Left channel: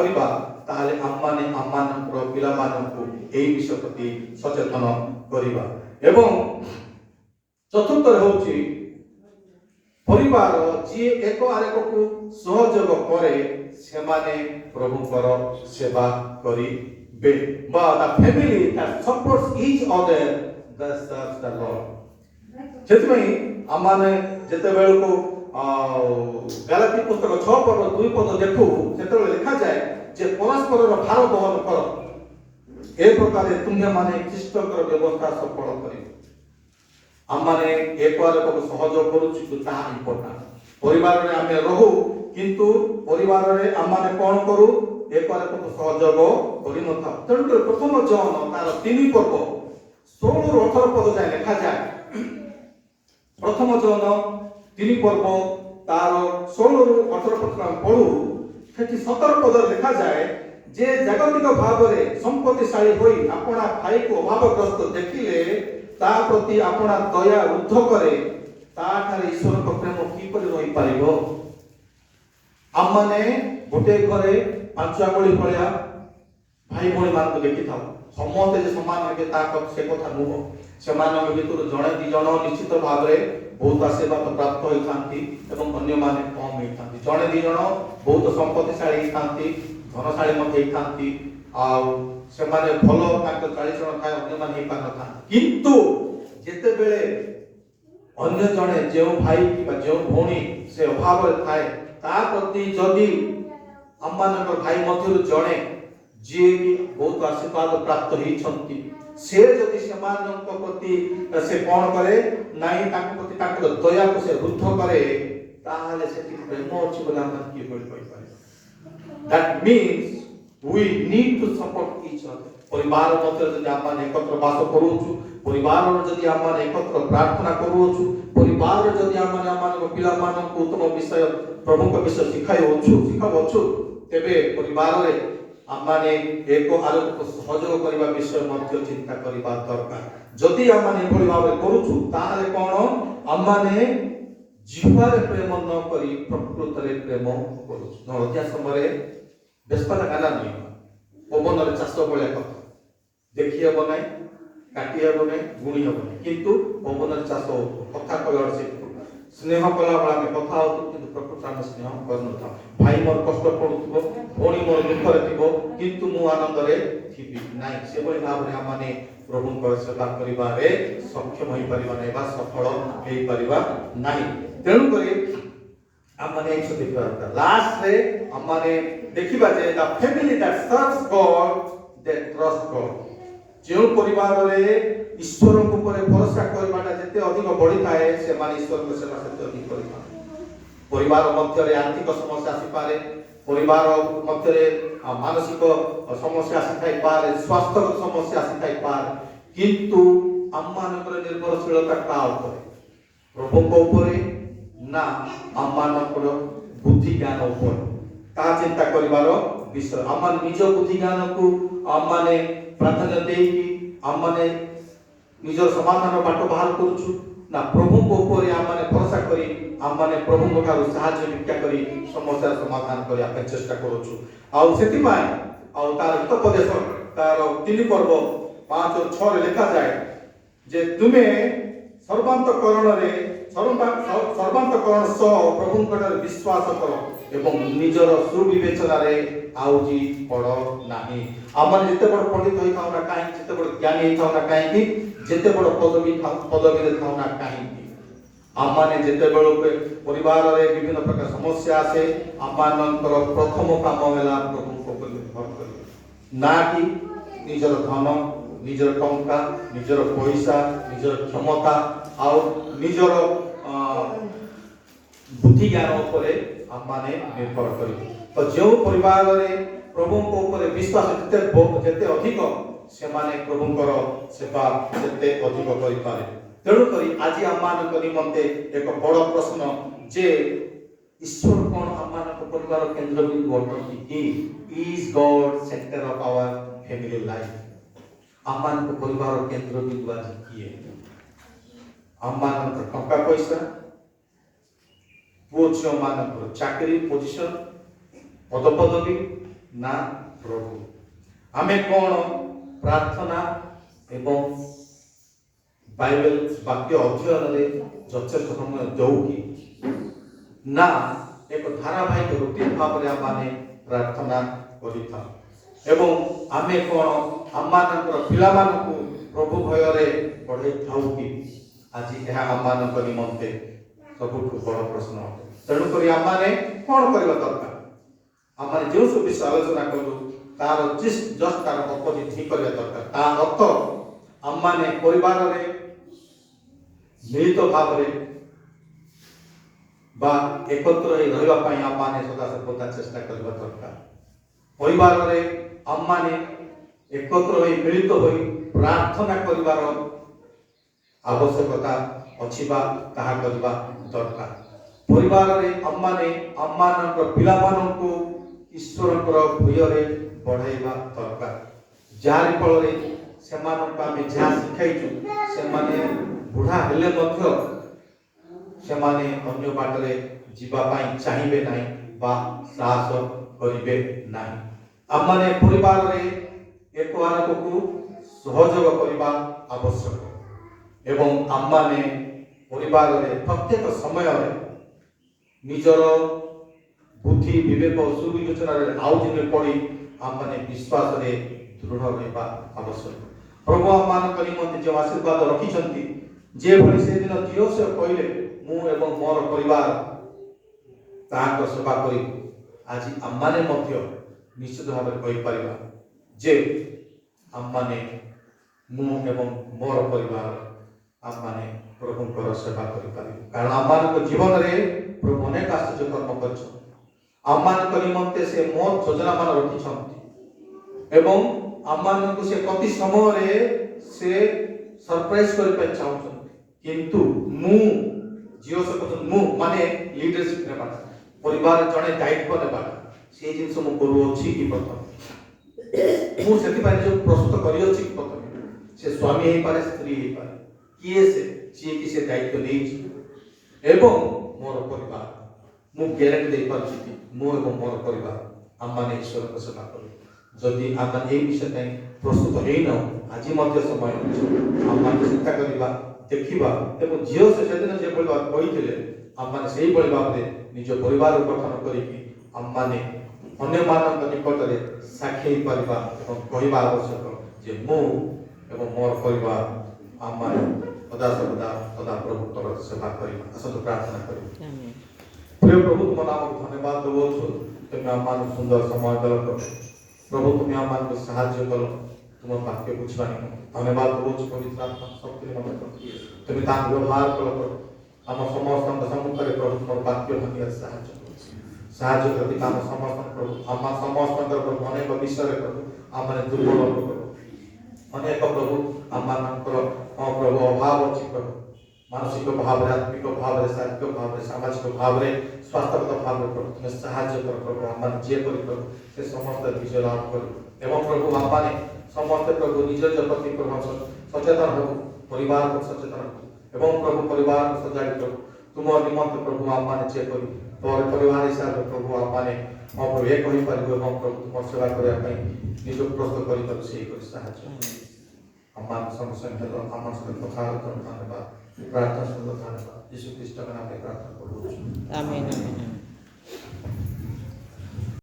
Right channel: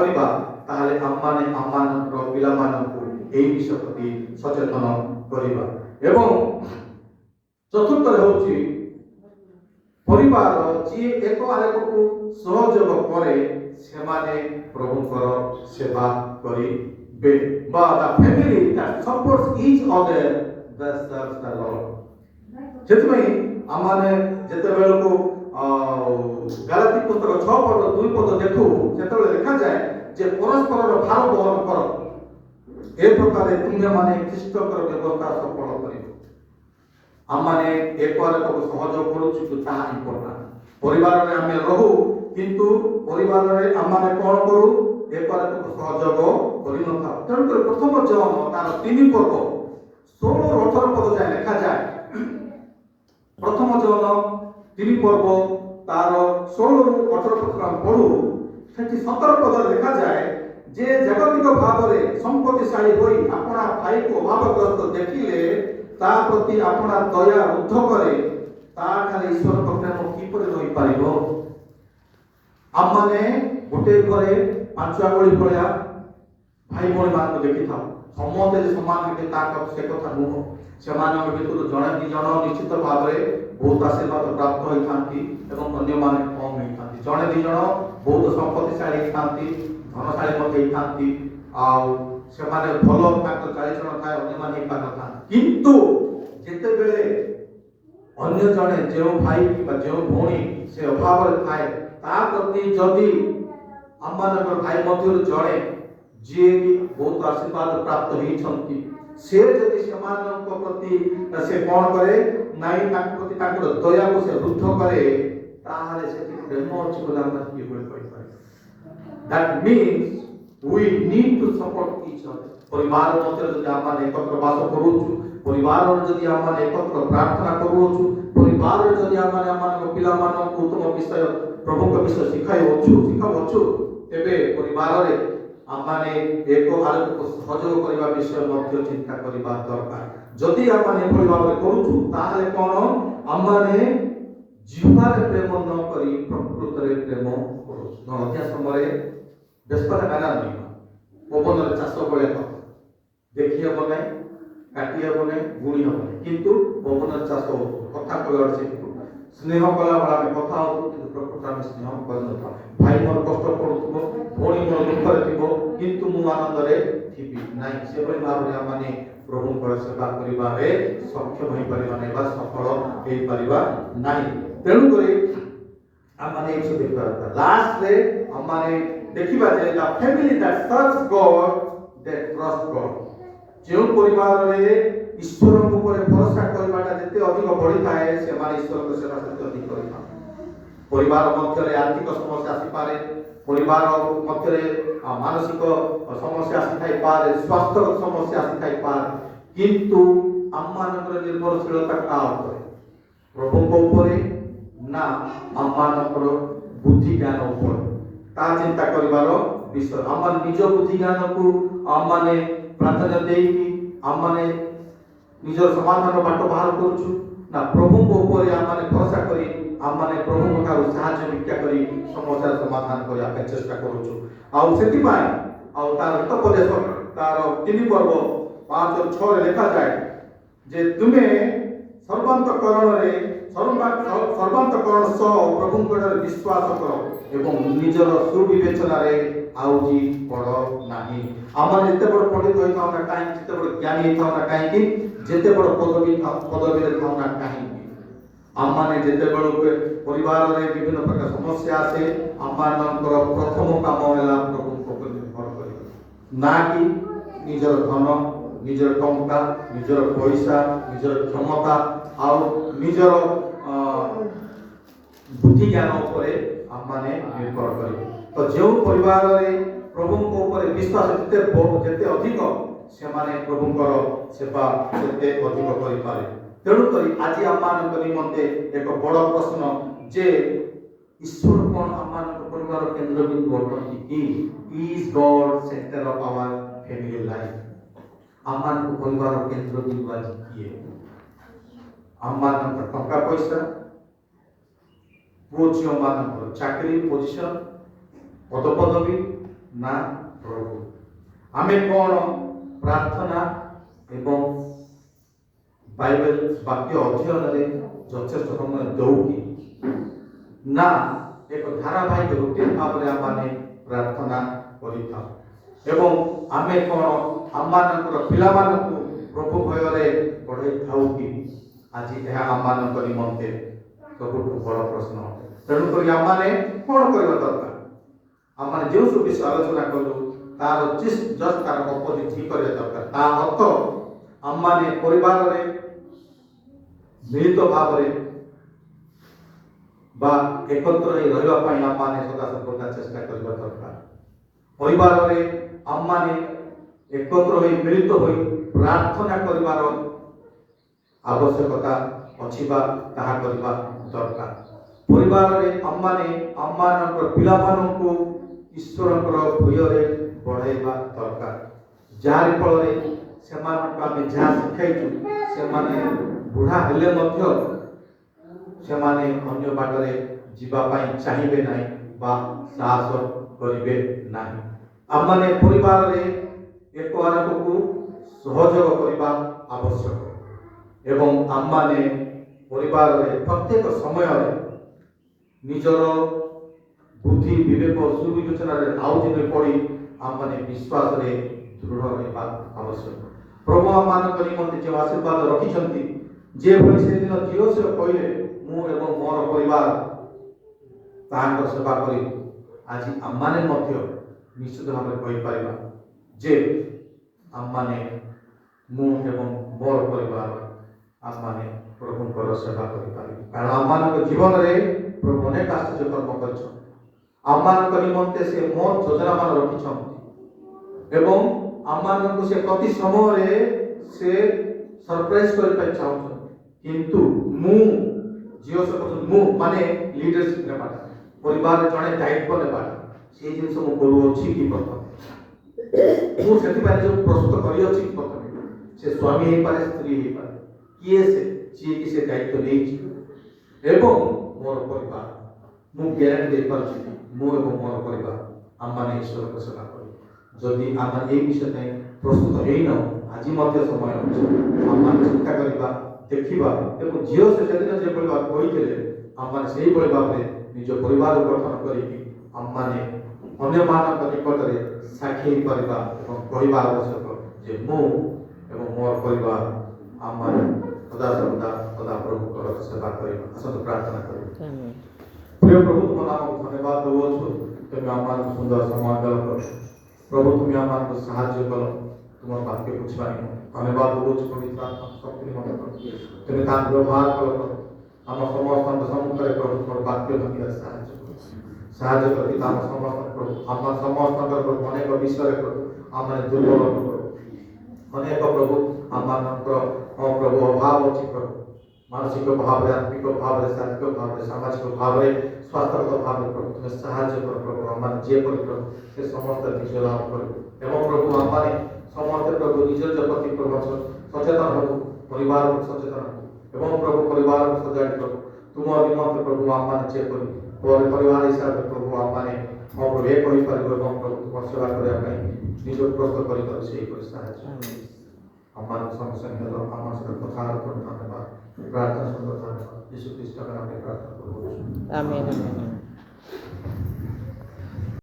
କରିବା ତାହେଲେ ଆମମାନେ ଆମମାନଙ୍କର ପିଲାମାନଙ୍କୁ ଏହି ବିଷୟ ପ୍ରତି ସଚେତନ କରିବା। ଏବଂ ଚତୁର୍ଥରେ ହେଉଛି ପରିବାର ଯିଏ ଏକ ଆରେକକୁ ସହଯୋଗ କରେ ସେମାନେ ପ୍ରଭୁଙ୍କର ସେବା କରିବେ ବା the family that supports each other that serves the Lord। ସେଥିପାଇଁ ଆମମାନେ ଯେତେବେଳକୁ ଗାଲାତି ପୁସ୍ତକ 6 ପଦ 2 ପଦ ଦେଖୁ ସେତେବେଳେ ଲେଖାଯାଏ ଯେ ପରସ୍ପରର ଭାର ବହନ କର ଏ ପ୍ରକାରେ ତୁମେମାନେ ଖ୍ରୀଷ୍ଟଙ୍କର ବ୍ୟବସ୍ଥା ସଫଳ କରିବ। ଆମମାନେ ଏକ ଆରେକକୁ ସହଯୋଗ କରୁଛୁ କିନ୍ତୁ ତାହା ଇମ୍ପୋର୍ଟାଣ୍ଟ। ପରିବାରରେ ଆମେ ରହୁ କିନ୍ତୁ ପରିବାରରେ ଆମମାନେ କ'ଣ କରୁ ଏକ ଆରେକକୁ ସହଯୋଗ କରିନଥାଉ। ତେଣୁକରି ପ୍ରଥମ ଜହନ ତାର 3 ପର୍ବ 16ରୁ 18 ପଦ ଯାଏ ଲେଖାଯାଏ। ପ୍ରଥମ ଜହନ 3 ପର୍ବ ତାର 16ରୁ 18 ପଦ ଆମେ ପଢୁ। ସେଠି 17 ପଦରେ ଲେଖାଯାଏ ଯେ ଜାଗତିକ ଭାବରେ ସମ୍ପତ୍ତିଶାଳୀ ହୋଇ ଆପଣା ଭାଇକୁ ଅଭାବଗ୍ରସ୍ତ ଦେଖିଲେ ତା ପ୍ରତି ଆପଣା ଦୟା ଉଦ୍ଧ କରେ ତାଠାରେ ଈଶ୍ୱରଙ୍କ ପ୍ରେମ କିପରି ରହିପାରିବ। ଆମମାନେ ଗୋଟିଏ ଘରେ 5 ଆଙ୍ଗୁଳି ଭଳିଆ ଭାଇ ଭଉଣୀ ମାନଙ୍କୁ ଦେଖିଥାଉ। ସମସ୍ତେ ଯେ ସମାନ ହେବେ ସେ କଥା ନୁହଁ। ସେମାନଙ୍କ ଭିତରୁ ଜଣେ 2 ଜଣ ନିଶ୍ଚିତ ଭାବରେ ବହୁତ ଆଶୀର୍ବାଦ ପ୍ରାପ୍ତ ହୋଇଥାନ୍ତି ଏବଂ ଅନ୍ୟମାନେ କମ୍ ହେଇଥାନ୍ତି। ଜଣେ 2 ଜଣ ବହୁତ ସମ୍ପତ୍ତିଶାଳୀ ହେଇଥାନ୍ତି, ଧନଶାଳୀ ମଧ୍ୟ ହେଇଥାନ୍ତି, ଆଉ ସେମାନେ ଭଲ ତାଙ୍କ ଚାଳିଚଳନ ଥାଏ, ଅନ୍ୟମାନେ ହେଇପାରିନଥାନ୍ତି। କିନ୍ତୁ ଯେତେବେଳେ ଅନ୍ୟ ଜଣେ ଯେଉଁ ଭାଇ କିମ୍ବା ଯେଉଁ ଭଉଣୀ ସେ ଅଭାବରେ ଥାଏ ତା ପ୍ରତି ଯଦି ଆମମାନଙ୍କର ଭାଇ ମଧ୍ୟରୁ ଜଣେ ଯିଏ କି ବହୁତ ଆଶୀର୍ବାଦ ପ୍ରାପ୍ତ ହେଇଛନ୍ତି ସେ ଯଦି ସେମାନଙ୍କ ପ୍ରତି ସେ କ'ଣ କରେ ନାଇଁ ତାଙ୍କ ପ୍ରତି ତାଙ୍କର ଦୟାକୁ ସେ ବୃଦ୍ଧ କରେ ତାହେଲେ ସେଠି ପ୍ରେମ ଅଛି ବୋଲି ଆମେ କିଭଳି କହିପାରିବା। That means we need to support each other। ପରିବାର ମଧ୍ୟରେ ଯଦି ଆମେ ଏକତ୍ର ବାସ କରୁଛୁ, ପରିବାରରେ ଯଦି ଆମେ ଏକତ୍ର ପ୍ରାର୍ଥନା କରୁଛୁ, ପରିବାରରେ ଯଦି ଆମେ ଆମମାନଙ୍କ ପିଲାମାନଙ୍କୁ ଉତ୍ତମ ବିଷୟ ପ୍ରଭୁଙ୍କ ବିଷୟ ଶିଖାଉଛୁ ତେବେ ପରିବାରରେ ଆମମାନେ ଏକ ଆରେକକୁ ସହଯୋଗ କରିବା ବିଷୟ ମଧ୍ୟ ଚିନ୍ତା କରିବା ଦରକାର। ଯଦି ଆମେ ଏଭଳି ଭାବରେ କରୁଛୁ ତାହେଲେ କ'ଣ ଆମମାନେ ଜିହ୍ୱାରେ ପ୍ରେମ ନ କରି ପ୍ରକୃତରେ ପ୍ରେମ କରୁଛୁ। ଅଧିକା ସମୟରେ ବ୍ୟସ୍ତତା କାନା ନୁହେଁ, ପବନରେ ଚାଷ ଭଳିଆ କଥା ଦେଖି ହେବ ନାହିଁ, କାଟି ହେବ ନାହିଁ, ଗୁଣି ହେବ ନାହିଁ, କିନ୍ତୁ ପବନରେ ଚାଷ କଥା କହିବାର ସେ ସ୍ନେହ କଲାବେଳେ ଆମେ କଥା ହଉଛୁ କିନ୍ତୁ ପ୍ରକୃତରେ ଆମେ ସ୍ନେହ କରିନଥାଉ। ଭାଇ ମୋର କଷ୍ଟ ପଡୁଥିବ, ଭଉଣୀ ମୋର ଦୁଃଖରେ ଥିବ କିନ୍ତୁ ମୁଁ ଆନନ୍ଦରେ ଥିବି ନାହିଁ। ସେଭଳି ଭାବରେ ଆମେ ପ୍ରଭୁଙ୍କର ସେବା କରିବାରେ ସକ୍ଷମ ହେଇପାରିବା ନାହିଁ ବା ସଫଳ ହେଇପାରିବା ନାହିଁ। ତେଣୁକରି ଆମେ ଏଇସବୁ ଦେଖିବା ଦରକାର। ଲାଷ୍ଟରେ ଆମେ ଦେଖିବା ଯେ the family that serves God that trust God। ଯେଉଁ ପରିବାରରେ ଈଶ୍ୱରଙ୍କ ଉପରେ ଭରସା କରିବାଟା ଯେତେ ଅଧିକ ବଢିଥାଏ ସେମାନେ ଈଶ୍ୱରଙ୍କ ସେବା ସେତେ ଅଧିକ କରିଥାନ୍ତି। ପରିବାର ମଧ୍ୟରେ ଆର୍ଥିକ ସମସ୍ୟା ଆସିପାରେ, ପରିବାର ମଧ୍ୟରେ ମାନସିକ ସମସ୍ୟା ଆସିଥାଇପାରେ, ସ୍ୱାସ୍ଥ୍ୟର ସମସ୍ୟା ଆସିଥାଇପାରେ, କିନ୍ତୁ ଆମମାନଙ୍କର ନିର୍ଭରଶୀଳତା କାହା ଉପରେ? ପ୍ରଭୁଙ୍କ ଉପରେ ନା ଆମମାନଙ୍କର ବୁଦ୍ଧି ଜ୍ଞାନ ଉପରେ? ତାହା ଚିନ୍ତା କରିବାର ବିଷୟ। ଆମ ନିଜ ବୁଦ୍ଧି ଜ୍ଞାନକୁ ଆମମାନେ ପ୍ରାଧାନ୍ୟ ଦେଇକି ଆମମାନେ ନିଜର ସମାଧାନର ବାଟ ବାହାର କରୁଛୁ ନା ପ୍ରଭୁଙ୍କ ଉପରେ ଆମମାନେ ଭରସା କରି ଆମମାନେ ପ୍ରଭୁଙ୍କ ଠାରୁ ସାହାଯ୍ୟ ଭିକ୍ଷା କରି ସମସ୍ୟାର ସମାଧାନ କରିବା ପାଇଁ ଚେଷ୍ଟା କରୁଛୁ। ଆଉ ସେଥିପାଇଁ ଆଉ ତାର ହିତୋପଦେଶ ତାର 3 ପର୍ବ 5ରୁ 6ରେ ଲେଖାଯାଏ ଯେ ତୁମେ ସର୍ବାନ୍ତକରଣ ସହ ପ୍ରଭୁଙ୍କ ଠାରେ ବିଶ୍ୱାସ କର ଏବଂ ନିଜର ସୁବିବେଚନାରେ ଆଉଜି ପଡ଼ ନାହିଁ। ଆମର ଯେତେ ବଡ଼ ପଣ୍ଡିତ ହୋଇଥାଉ ନା କାହିଁକି, ଯେତେ ବଡ଼ ଜ୍ଞାନୀ ହେଇଥାଉ ନା କାହିଁକି, ଯେତେ ବଡ଼ ପଦବୀରେ ଥାଉ ନା କାହିଁକି, ଆମମାନେ ଯେତେବେଳକୁ ପରିବାରରେ ବିଭିନ୍ନ ପ୍ରକାର ସମସ୍ୟା ଆସେ ଆମମାନଙ୍କର ପ୍ରଥମ କାମ ହେଲା ପ୍ରଭୁଙ୍କ ଉପରେ ନିର୍ଭର କରିବା, ନା କି ନିଜର ଧନ, ନିଜର ଟଙ୍କା, ନିଜର ପଇସା, ନିଜର କ୍ଷମତା ଆଉ ନିଜର ବୁଦ୍ଧି ଜ୍ଞାନ ଉପରେ ଆମମାନେ ନିର୍ଭର କରିବୁ। ତ ଯେଉଁ ପରିବାରରେ ପ୍ରଭୁଙ୍କ ଉପରେ ବିଶ୍ୱାସ ଯେତେ ଅଧିକ ସେମାନେ ପ୍ରଭୁଙ୍କର ସେବା ସେତେ ଅଧିକ କରିପାରେ। ତେଣୁକରି ଆଜି ଆମମାନଙ୍କ ନିମନ୍ତେ ଏକ ବଡ଼ ପ୍ରଶ୍ନ ଯେ ଈଶ୍ୱର କ'ଣ ଆମମାନଙ୍କ ପରିବାର କେନ୍ଦ୍ରବିନ୍ଦୁ ଅଟନ୍ତି? Is god centre of hour family life? ଆମମାନଙ୍କ ପରିବାର କେନ୍ଦ୍ରବିନ୍ଦୁ ଆଜି କିଏ? ଆମମାନଙ୍କର ଟଙ୍କା ପଇସା, ପୁଅ ଝିଅ ମାନଙ୍କର ଚାକିରି ପୋଜିସନ, ପଦପଦବୀ, ନା ପ୍ରଭୁ ଆମେ କ'ଣ ପ୍ରାର୍ଥନା ଏବଂ ବାଇବେଲ ବାକ୍ୟ ଅଧ୍ୟୟନରେ ଯଥେଷ୍ଟ ସମୟ ଦେଉ କି ନା ଏକ ଧାରାବାହିକ ରୁଟିନ ଭାବରେ ଆମେ ପ୍ରାର୍ଥନା କରିଥାଉ ଏବଂ ଆମେ କ'ଣ ଆମମାନଙ୍କର ପିଲାମାନଙ୍କୁ ପ୍ରଭୁ ଭୟରେ ପଢ଼େଇଥାଉ କି ଆଜି ଏହା ଆମମାନଙ୍କ ନିମନ୍ତେ ସବୁଠୁ ବଡ଼ ପ୍ରଶ୍ନ। ତେଣୁକରି ଆମମାନେ କ'ଣ କରିବା ଦରକାର? ଆମମାନେ ଯେଉଁ ସବୁ ବିଷୟ ଆଲୋଚନା କଲୁ ତାର ଜଷ୍ଟ ତାର ଅପୋଜିଟ୍ ଠିକ୍ କରିବା ଦରକାର। ତା ଅର୍ଥ ଆମମାନେ ପରିବାରରେ ମିଳିତ ଭାବରେ ବା ଏକତ୍ର ହୋଇ ରହିବା ପାଇଁ ଆମମାନେ ସଦାସର୍ବଦା ଚେଷ୍ଟା କରିବା ଦରକାର। ପରିବାରରେ ଆମମାନେ ଏକତ୍ର ହୋଇ ମିଳିତ ହୋଇ ପ୍ରାର୍ଥନା କରିବାର ଆବଶ୍ୟକତା ଅଛି ବା ତାହା କରିବା ଦରକାର। ପରିବାରରେ ଆମମାନେ ଆମମାନଙ୍କର ପିଲାମାନଙ୍କୁ ଈଶ୍ୱରଙ୍କର ଭୟରେ ବଢ଼ାଇବା ଦରକାର, ଯାହାରି ଫଳରେ ସେମାନଙ୍କୁ ଆମେ ଯାହା ଶିଖାଇଛୁ ସେମାନେ ବୁଢ଼ା ହେଲେ ମଧ୍ୟ ସେମାନେ ଅନ୍ୟ ବାଟରେ ଯିବା ପାଇଁ ଚାହିଁବେ ନାହିଁ ବା ସାହସ କରିବେ ନାହିଁ। ଆମମାନେ ପରିବାରରେ ଏକ ଆରେକକୁ ସହଯୋଗ କରିବା ଆବଶ୍ୟକ ଏବଂ ଆମମାନେ ପରିବାରରେ ପ୍ରତ୍ୟେକ ସମୟରେ ନିଜର ବୁଦ୍ଧି ବିବେକ ସୁବିବେଚନାରେ ଆଉ ଦିନେ ପଡ଼ି ଆମମାନେ ବିଶ୍ୱାସରେ ଦୃଢ଼ ରହିବା ଆବଶ୍ୟକ। ପ୍ରଭୁ ଆମମାନଙ୍କ ନିମନ୍ତେ ଯେଉଁ ଆଶୀର୍ବାଦ ରଖିଛନ୍ତି, ଯେଭଳି ସେଦିନ ଦିଓସେଫ କହିଲେ ମୁଁ ଏବଂ ମୋର ପରିବାର ତାହାଙ୍କ ସେବା କରିବୁ, ଆଜି ଆମମାନେ ମଧ୍ୟ ନିଶ୍ଚିତ ଭାବରେ କହିପାରିବା ଯେ ଆମମାନେ ମୁଁ ଏବଂ ମୋର ପରିବାର ଆମମାନେ ପ୍ରଭୁଙ୍କର ସେବା କରିପାରିବୁ। କାରଣ ଆମମାନଙ୍କ ଜୀବନରେ ପ୍ରଭୁ ଅନେକ ଆଶ୍ଚର୍ଯ୍ୟ କର୍ମ କରିଛନ୍ତି। ଆମମାନଙ୍କ ନିମନ୍ତେ ସେ ମୋର ଯୋଜନାମାନ ରଖିଛନ୍ତି ଏବଂ ଆମମାନଙ୍କୁ ସେ ପ୍ରତି ସମୟରେ ସେ ସରପ୍ରାଇଜ କରିବା ପାଇଁ ଚାହୁଁଛନ୍ତି। କିନ୍ତୁ ମୁଁ ମୁଁ ମାନେ ଲିଡରସିପ ନେବାଟା, ପରିବାର ଜଣେ ଦାୟିତ୍ୱ ନେବାଟା, ସେଇ ଜିନିଷ ମୁଁ କରୁଅଛି କି ପ୍ରଥମେ ମୁଁ ସେଥିପାଇଁ ନିଜକୁ ପ୍ରସ୍ତୁତ କରିଅଛି କି ପ୍ରଥମେ ସେ ସ୍ୱାମୀ ହେଇପାରେ ସ୍ତ୍ରୀ ହେଇପାରେ କିଏ ଯିଏକି ସେ ଦାୟିତ୍ୱ ନେଇଛି ଏବଂ ମୋର ପରିବାର ମୁଁ ଗ୍ୟାରେଣ୍ଟି ଦେଇପାରୁଛି କି ମୁଁ ଏବଂ ମୋର ପରିବାର ଆମମାନେ ଈଶ୍ୱରଙ୍କ ସେବା କରୁ। ଯଦି ଆମେ ଏହି ବିଷୟ ପାଇଁ ପ୍ରସ୍ତୁତ ହେଇନାହୁଁ ଆଜି ମଧ୍ୟ ସମୟ ଅଛି ଆମମାନେ ଚିନ୍ତା କରିବା, ଦେଖିବା ଏବଂ ଝିଅ ସେଦିନ ଯେଭଳି ଭାବରେ କହିଥିଲେ ଆମମାନେ ସେଇଭଳି ଭାବରେ ନିଜ ପରିବାର ଗଠନ କରିକି ଆମମାନେ ଅନ୍ୟମାନଙ୍କ ନିକଟରେ ସାକ୍ଷୀ ହେଇପାରିବା ଏବଂ କହିବା ଆବଶ୍ୟକ ଯେ ମୁଁ ଏବଂ ମୋର ପରିବାର ଆମମାନେ ସଦା ପ୍ରଭୁଙ୍କର ସେବା କରିବା। ଆସନ୍ତୁ ପ୍ରାର୍ଥନା କରିବା। ପ୍ରିୟ ପ୍ରଭୁ ତୁମ ନାମକୁ ଧନ୍ୟବାଦ ଦେଉଛୁ, ତୁମେ ଆମମାନଙ୍କୁ ସୁନ୍ଦର ସମୟ ଦେଲ ପ୍ରଭୁ, ତୁମେ ଆମମାନଙ୍କୁ ସାହାଯ୍ୟ କଲ ତୁମ ବାକ୍ୟ ବୁଝିବା ନିମନ୍ତେ ଧନ୍ୟବାଦ ଦେଉଛୁ। ପବିତ୍ର ଆତ୍ମା ଶକ୍ତି ନିମନ୍ତେ ତୁମେ ତାଙ୍କୁ ବ୍ୟବହାର କଲ ଆମ ସମସ୍ତଙ୍କ ସମ୍ମୁଖରେ ପ୍ରଭୁ ତୁମର ବାକ୍ୟ ଧନିଆରେ ସାହାଯ୍ୟ କରି ଆମ ସମସ୍ତଙ୍କର ଆମ ସମସ୍ତଙ୍କର ପ୍ରଭୁ ଅନେକ ବିଷୟରେ ପ୍ରଭୁ ଆମେ ଦୁର୍ବଳ ଅନେକ ପ୍ରଭୁ ଆମମାନଙ୍କର ପ୍ରଭୁ ଅଭାବ ଅଛି ପ୍ରଭୁ, ମାନସିକ ଭାବରେ, ଆତ୍ମିକ ଭାବରେ, ଶାରୀରିକ ଭାବରେ, ସାମାଜିକ ଭାବରେ, ସ୍ୱାସ୍ଥ୍ୟଗତ ଭାବରେ ପ୍ରଭୁ ତୁମେ ସାହାଯ୍ୟ କର ପ୍ରଭୁ। ଆମମାନେ ଯେପରି ପ୍ରଭୁ ସେ ସମସ୍ତେ ବିଜୟ ଲାଭ କରୁ ଏବଂ ପ୍ରଭୁ ଆମମାନେ ସମସ୍ତେ ପ୍ରଭୁ ନିଜ ପ୍ରତି ପ୍ରଭୁ ସଚେତନ ହେବୁ, ପରିବାର ସଚେତନ ହେବୁ ଏବଂ ପ୍ରଭୁ ପରିବାରକୁ ସଜାଡ଼ି ପ୍ରଭୁ ତୁମ ନିମନ୍ତେ ପ୍ରଭୁ ଆମମାନେ ଯେପରି ପରିବାର ହିସାବରେ ପ୍ରଭୁ ଆମମାନେ ପ୍ରଭୁ ଏକ ହୋଇପାରିବୁ ଏବଂ ପ୍ରଭୁ ତୁମ ସେବା କରିବା ପାଇଁ ନିଜକୁ ପ୍ରସ୍ତୁତ କରିପାରୁ ସେହିପରି ସାହାଯ୍ୟ ଆମମାନଙ୍କ ସଙ୍ଗେ ଆମ ସହିତ କଥା ଧନ୍ୟବାଦ ପ୍ରାର୍ଥନା ସୁନ୍ଦର ଧନ୍ୟବାଦ ଯୀଶୁ ଖ୍ରୀଷ୍ଟଙ୍କ ନାମରେ ପ୍ରାର୍ଥନା କରୁଛୁ। ଆମେନ୍।